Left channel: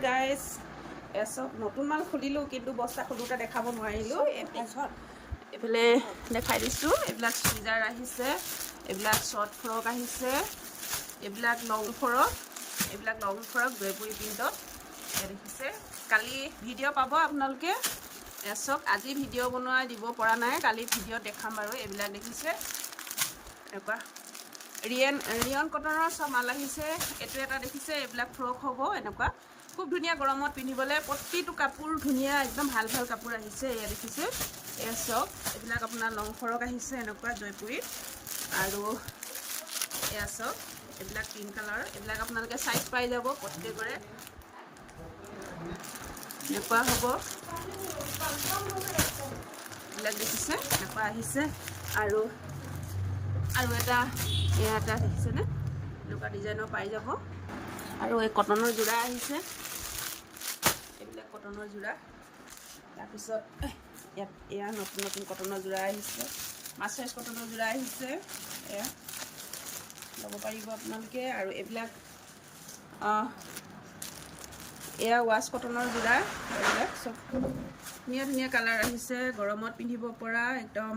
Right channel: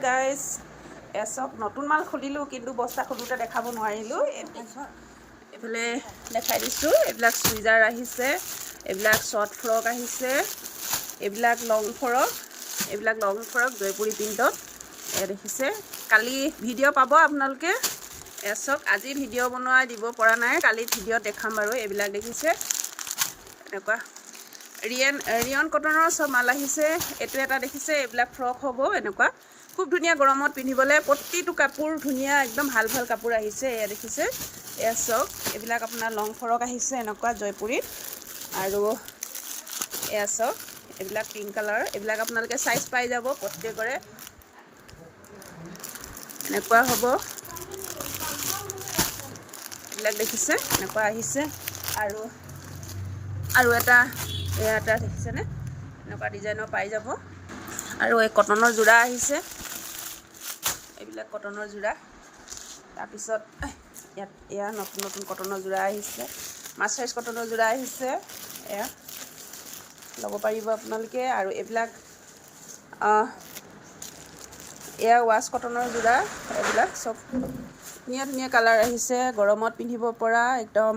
guys এচক নতুন মাল খুলিলোঁ কিন্তু বস্তা খোলোঁতে দেখাব নোৱাৰিলোঁ এইফালে দেখাই দিছোঁ এইবিলাক চুইজাৰ আহিছে এইবিলাক শ্বৰ্ট ফ্ৰক আহিছে এইবিলাক লং ফ্ৰক জয়পুৰী প্ৰিণ্টত দেখিছে কালি ভিডিঅ' পাব আপোনালোকে এচক আজি ভিডিঅ' বনোৱাই দিব পৰা নাই কালি ভিডিঅ'ত দেখাম বাৰু এইবিলাক দেখিছে এনেকুৱা ৰিয়ন কটনৰ সব মাল আহিছে এইটো এটা দেখিছে এইবিলাক ফ্ৰক হ'ব এনেকুৱা খুব ধুনীয়া গৰমত পিন্ধিবলৈ প্ৰতিটো কাপোৰ ধুনীয়া একদম ভাল ভাল কাপোৰ আহিছে এয়া দেখিছে এয়া চক এইবিলাক আপোনাৰ লং ফ্ৰক আহিছে এনেকুৱা জয়পুৰীত আৰু এয়া চক এইবিলাক পিংক কালাৰ এইবিলাক আপোনালোকে সাইজ পাই যাব প্ৰত্যেকৰে এনেকুৱা হ'ব এইবিলাক দেখিছে এনেকুৱা আহিছে আৰু এটা এয়া এটা দেখিছেনে এনেকুৱা ডিজাইনৰ পাই যাব আৰু এই কটনৰ যোৰা আহিছে এইবিলাক কটনৰ যোৰা তাৰপিছত ইয়াত এয়া নতুন কটনৰ যোৰা আহিছে মাছৰাইজ কটনৰ যোৰা আহিছে এয়া ল'ব পাৰিব আপোনালোকে আৰু এইবিলাক এয়া ৱাছ কটনৰ যোৰা এইবিলাক চব ধুনীয়া কালাৰ আহিছে গৰমত পিন্ধিব পৰা একদম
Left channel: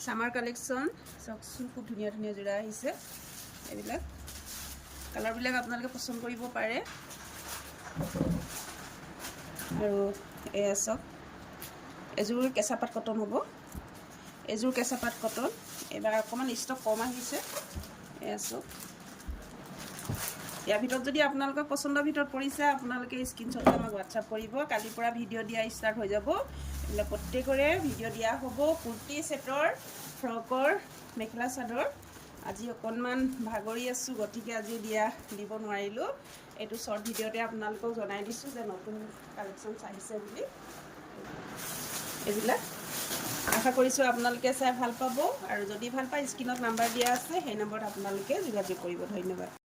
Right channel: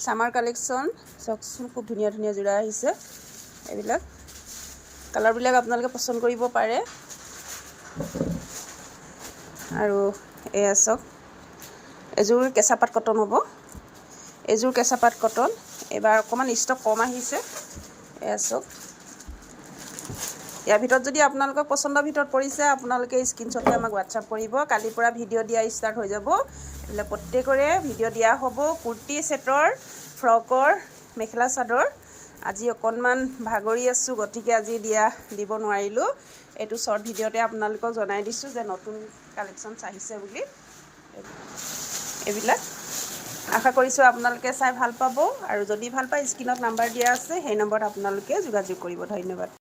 সামাৰ কালেকশ্যন চাওকচোন খুব ধুনীয়া যোৰা আহিছে এইবিলাক কালাৰবিলাক আপোনালোকে পচন্দ কৰিব পাৰে আৰু এয়া চাওক এযোৰ কেঁচাপাত কটন হ'ব এযোৰ কেঁচাপাত কটন এইবাৰ অকণমান ষ্টক কম আহিছে এয়া চাওক ইয়াৰ ভিতৰত যদি আপোনালোকৰ পচন্দৰ ভিতৰত পৰিছে আপোনালোকে স্ক্ৰীনশ্বট লৈ আমাক হোৱাটছআপ কৰিব কালিৰ পৰা ভিডিঅ' দিয়া ষ্টাৰ্ট হৈ যাব এইবিলাক প্ৰত্যেকৰে ভিডিঅ' দিয়া হ'ব কুৰ্তি ছেটৰ ফ্ৰকৰ মেখেলা চাদৰ আজি অকণমান ভাগৰি আছোঁ গতিকে আজি দিব নোৱাৰিলোঁ এইটো শ্বৰ্ট ভিডিঅ'তে আপোনালোকক জনাই দিছোঁ যে নতুন কালেকশ্যনছ আহিছে বুলি এইবিলাক আশা কৰিছোঁ আপোনালোকে চাই ভাল পাব আৰু যদি ভাল পায় স্ক্ৰীনত নাম্বাৰ দিয়া আছে সেই নম্বৰত আপোনালোকে যোগাযোগ কৰিব ধন্যবাদ